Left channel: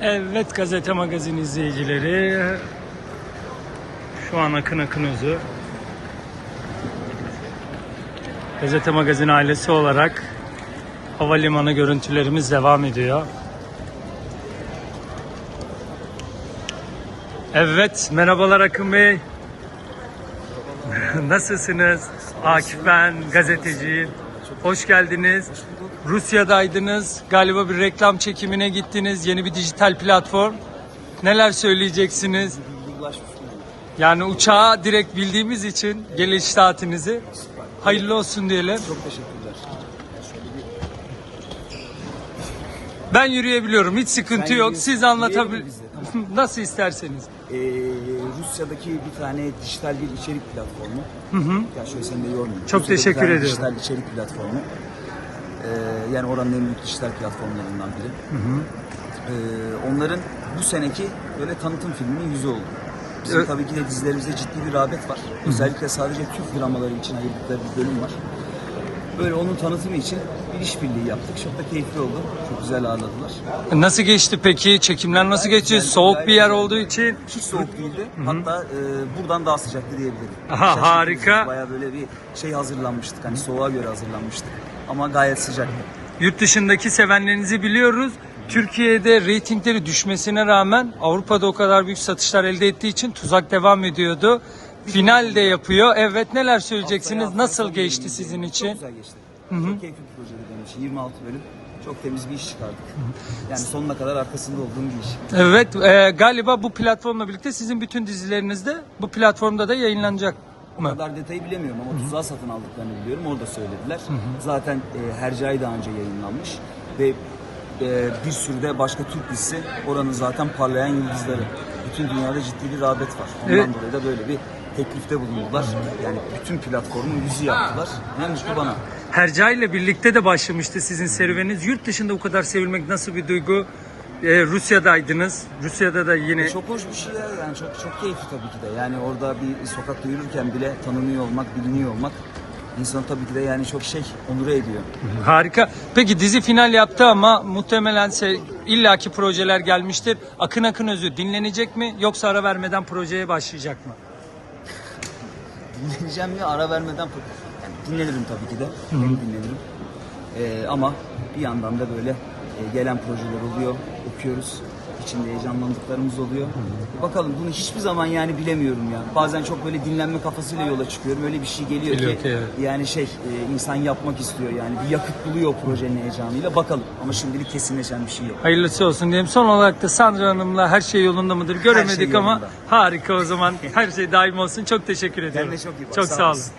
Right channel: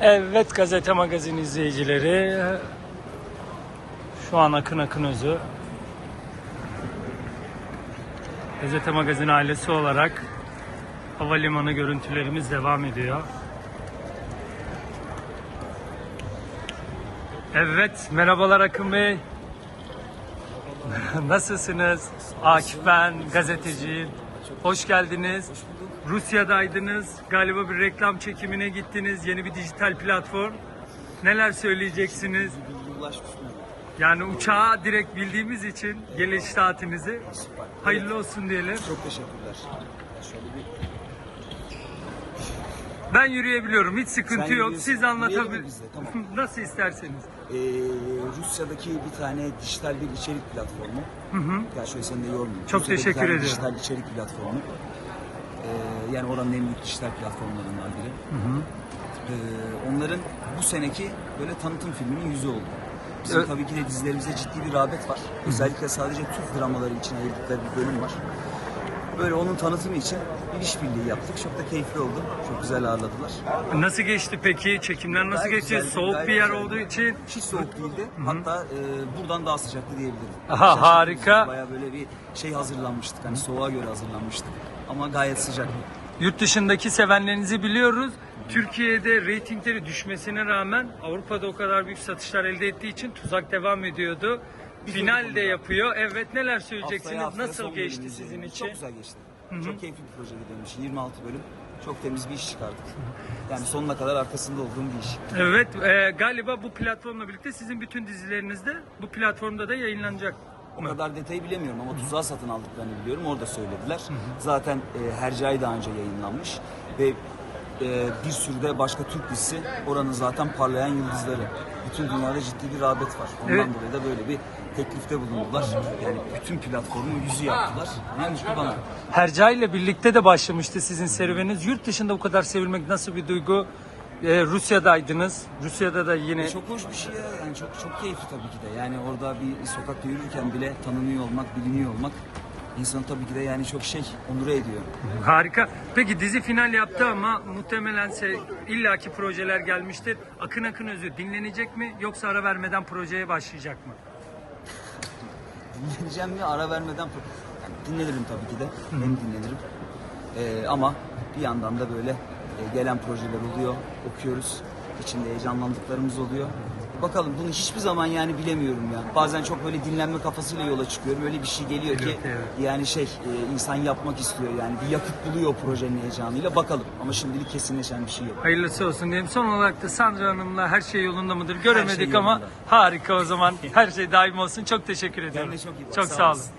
Evet gazete magazin izleyicileri. Şu an Akın Akın Özü. Gazete magazin ailesi olarak havalimanı görüntülerimiz devam ediyor. Evet, merhabalar Akın Bey. Nasılsınız? Akif ben, gazeteciyim. Hoş geldiniz. Rusya'daydınız. Galiba bir reklam çekimine gittiniz. Yeni bir dijital platform. Neler söyleyeceksiniz? Yani uçağa direkt bildiğimiz için geliş saatinizi hayırlı olsun diyelim. Çok teşekkürler. Şöyle bir Ben yürüyebiliyorum. Hiç sıkıntı Sen yok. Siz anlatabil... Yürüyelim biz de, tamam. Nasıl isterseniz. Ee, Rusya'daki bir tane dijital bir içerik platformu. Hı hı. Ya şöyle seni de yormayayım. Çok Rusya'da bir teşekkür tane ediyorum. Dijital içerik platformu. Ee, yani oranın en büyük dijital platformlarından biri. Ee, onların bu seneki böyle tanıtım filminin yüzü oldu. Bizim Ö- tabii ki de dizilerimizde ciddi bir rağbet var. Özellikle sadece Türk dramaları için ayırdıkları bir bölüm var. Böyle onun tanıtımı için bir işbirliği yaptık. Çok da keyifli oldu. Çok güzel ağırladılar. Nasıl geçti peki? Çekimler nasıl Gayet geçti? güzeldi, Soğuk gayet bir yer güzeldi. olduğu için Hiç soğuk değildi. Hatta e, buradan daha sıcaktı diyebilirim. Aha, Şaşırtıcı. harika. Baya böyle bir şey hazırlanmıştık. Hani soğuğa göre hazırlanmıştık. Ama gayet sıcaktı. Yurt dışındaki sevenlerinizi biliyoruz. Türkiye'de reytingleri düşmesine rağmen Avrupa'da o kadar büyük satışlar elde ettiği için tuzak devam ediyordu. Final de yapıyor. Evet neler söyleyeceksiniz? Haftaya haftaya Nasıl son geçti bölümümüz sizin için? Çok güzel geçti. Çok keyifli bir projeydi benim için. 26 bölüm. Çok temiz bir iş çıkardık. Yani sonuna kadar arkasında olduğum bir iş. Evet e, galiba bu platformla birlikte sizin bütün dizileriniz de bu platformda da yayınlanacak O mı? kadar detayı bilemiyorum ama tuzağı satın aldıklarını biliyorum. Orada söylediler. Zaten e, Hercai daha önce yayınlanmış. Ve e, bir sürü de başka Türk dizisi oranın zaten parlayan yıldızları. Bütün dünyada ciddi bir rağbet var. Ondan Evet. dolayı da böyle bir teklifte bulundular. Yani bütün platformun yüzü yaptılar. Ne mutlu bana. Herca ile birlikte de başlamıştı sizin serüveniniz. Yurt dışında o kadar sevilmek nasıl bir duygu? E, Rusya'daydınız. Rusya'da da yine Çok hoş bir şey ya. Yani çok çok keyifli tabii ki de. Yani orada bir sokakta yürürken bile tanınıyor olmak, biliniyor olmak insan tabii ki de yani çok şey onur ediyor. Harika. Peki dizi final yaptı ama muhtemelen se- illaki projeler gelmiştir. Akın Akın Özü dinlenecek mi yoksa ara vermeden projeye başlayacak mı? Dinleneceğim mi ara vermeden yani dinlenirim tabii ki de. Hem dinlenirim. Ee, ama bir yandan da böyle e, gelen projeler oluyor. Okuyoruz. İçinde heyecanlandıklarımız oluyor. Bakalım bunu hiçbir zaman yani bilemiyorum ya. Bazen çok böyle dinlenme kafasıyla yola çıkıyorum. Öyle bir şey geliyor Geliyor ki ki, evet. yani şey e, insan yapmak istiyor yani bir yakıt buluyor projenin heyecanıyla. Bakalım ama şimdilik kesinleşen bir şey yok. Hayırlısı olsun diyeyim. Son olarak da Sandra Hanım'la her şey yolunda mıdır? Göremedik ama yolunda. harika o zaman. Her şey daim olsun. Çok teşekkür ediyorum. Çok iyi bak. Çok Sağ sağ olun. olasın.